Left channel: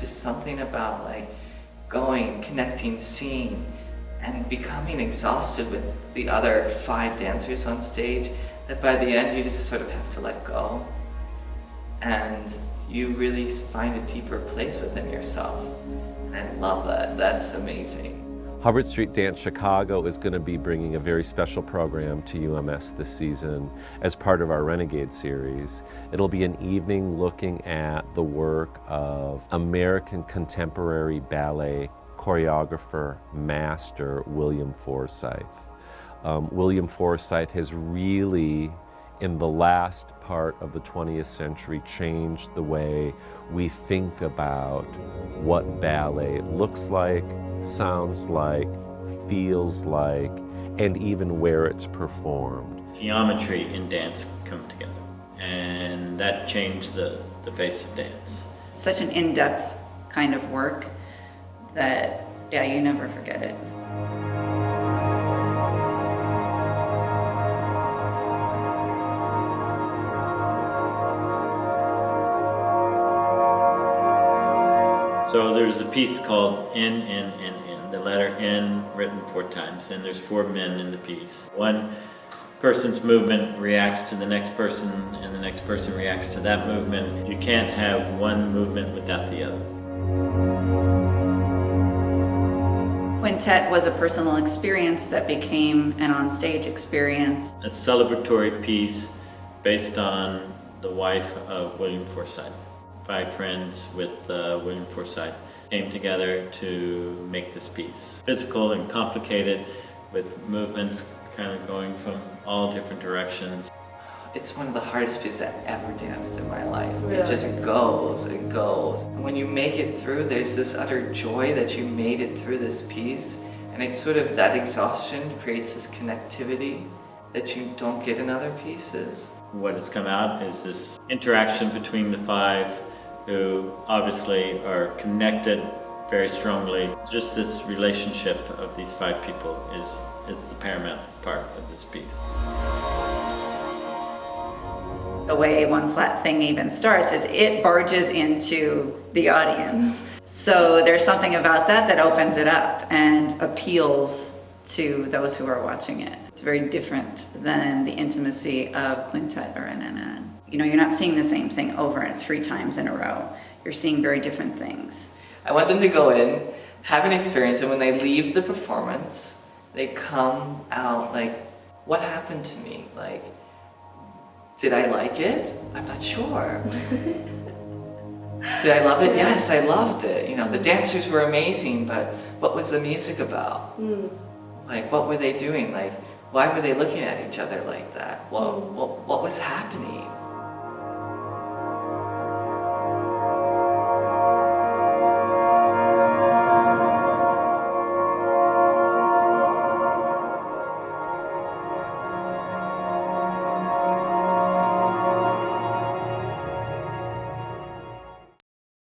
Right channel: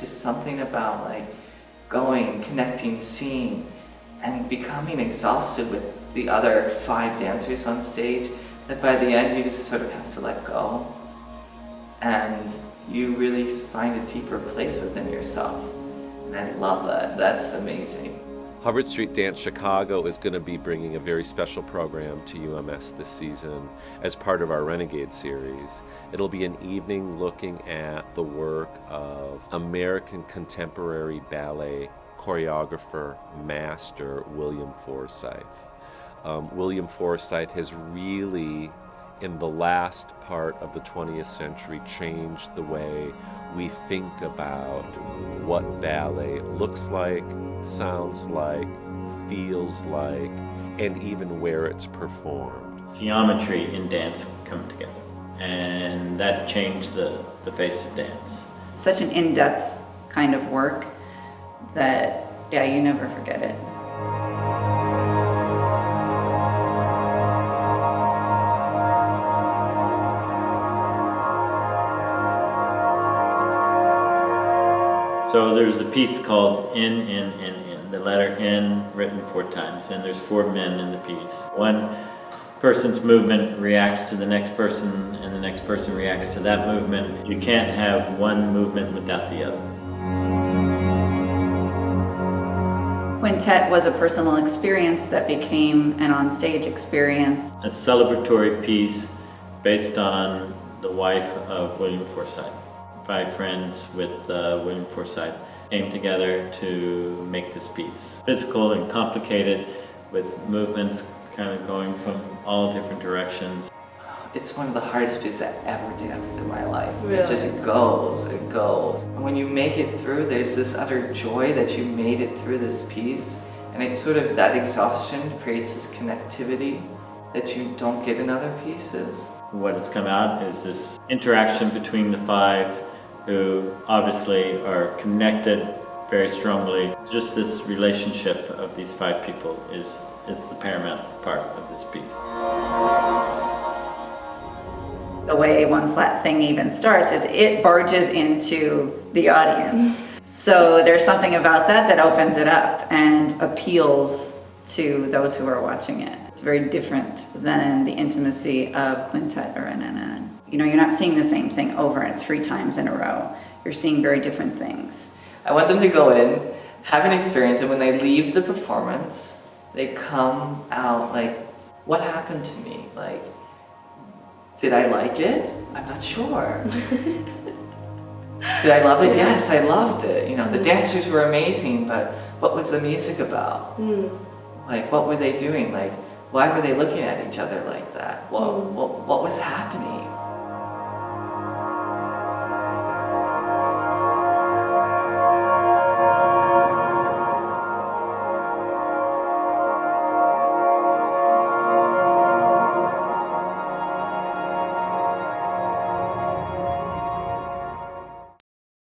It's just something about like going, connecting, seeing, and becoming exhausted with the other 5 dancers on stage, that by the end you just sort of have to let go. And you really find a deeper place within yourself. And I love that. That's amazing. Hubbard Street Dance Chicago is going to be bringing a very special program to UMS this season as part of our Renegade series. It'll be an evening looking at the work of American contemporary ballet choreographer, master William Forsythe. William Forsythe has really, in the last part of the 20th century, changed the way we think about what ballet looks like, sounds like, feels like, and even where it's performed. Geometry in dance come together, and that changed the face of dance. Such an in-depth kind of work that, yeah, you never forget it. So there's a piece called N, the letter N written 4 times, and there's 4 men in the piece. One person's movement reacts to the next person, and the next person reacts to that movement. You can't have one movement without the other. Quintett was a personal experience that became an on-stage experience. A celebratory piece based on the wife of William Forsythe. 5 friends with William Forsythe came together to make this piece. Physical and complicated, with movements kind of going from all different directions. It's one of the hardest pieces I've ever danced in my life. Really? It just goes and goes. And when you make it through, there's this utter joy that you made it through this piece. And it's sort of that exhaustion creates this connectivity that you don't get in other pieces. What has come out is this interaction between the 5 who obviously are connected very strongly. Just this relationship of these 5 people is the paramount part of this piece. The way One Flat Thing even starts is it barges into the audience. So there's something about that that opens it up and appeals to those who are watching it. It's very different than the intimacy of Quintett or MANN. You know, you're not seeing the same thing over and 3 times in a row. You're seeing very different things. I want them to go in, have an experience, and when they leave the performance, they come out like, what happened to me? Like, did I like it? I'm not sure. Did I love it? Yes, I loved it. You know, the dancers were amazing, but what was the music about? Like, what were they doing? Like, why were they looking at each other like that? What was happening?